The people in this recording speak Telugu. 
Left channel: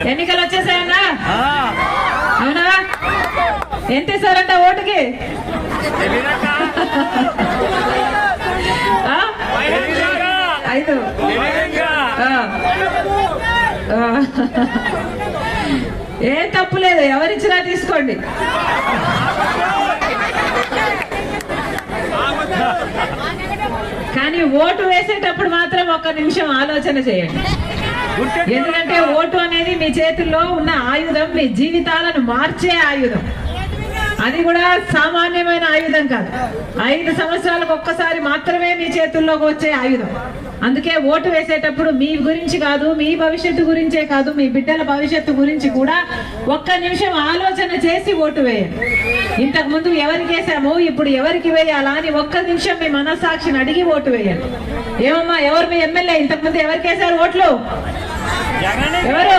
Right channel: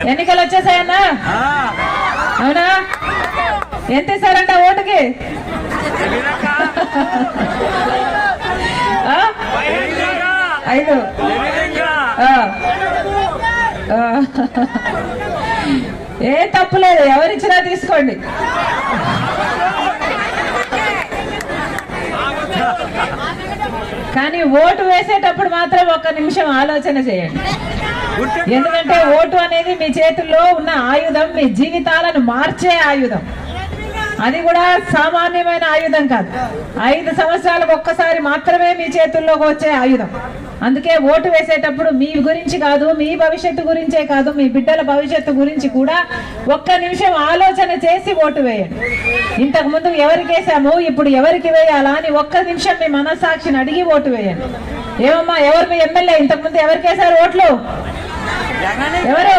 ఎన్నికలు వచ్చేసాయన్నా? అవునా? ఎంత ఇస్తారంట ఓటుకి? ఐదు. ఏ తప్పు లేదు, ఎవరిచ్చినా తీసుకోండి. కానీ ఓటు వేసేటప్పుడు మాత్రం ఒక్క నిమిషం ఆలోచన చేయండి. ఎందుకంటే ఓటు అనేది మీ చేతుల్లో ఉన్న ఆయుధం, మీ జీవితాలను మార్చే ఆయుధం. అది కూడా సామాన్యమైన ఆయుధం కాదు. 5 సంవత్సరాలకు ఒక్కసారి మాత్రమే మీ చేతుల్లోకి వచ్చే ఆయుధం. అందుకే ఓటు వేసేటప్పుడు మీ గురించి కాదు, మీ భవిష్యత్తు గురించే కాదు, మీ బిడ్డల భవిష్యత్తు గురించి కూడా ఒక్క నిమిషం ఆలోచన చేసి ఓటు వేయండి. ఇంతకు ముందు ఎవరికి వేసాము, ఇప్పుడు ఎవరికి వేయాలా అని ఒక్క నిమిషం మీ మనస్సాక్షిని అడిగి ఓటు వేయండి. ఏమమ్మా, ఎవరు మీ ఎమ్మెల్యే? ఇంతకు ముందు ఎవరికి వేశారు ఓట్లు? ఎవరు?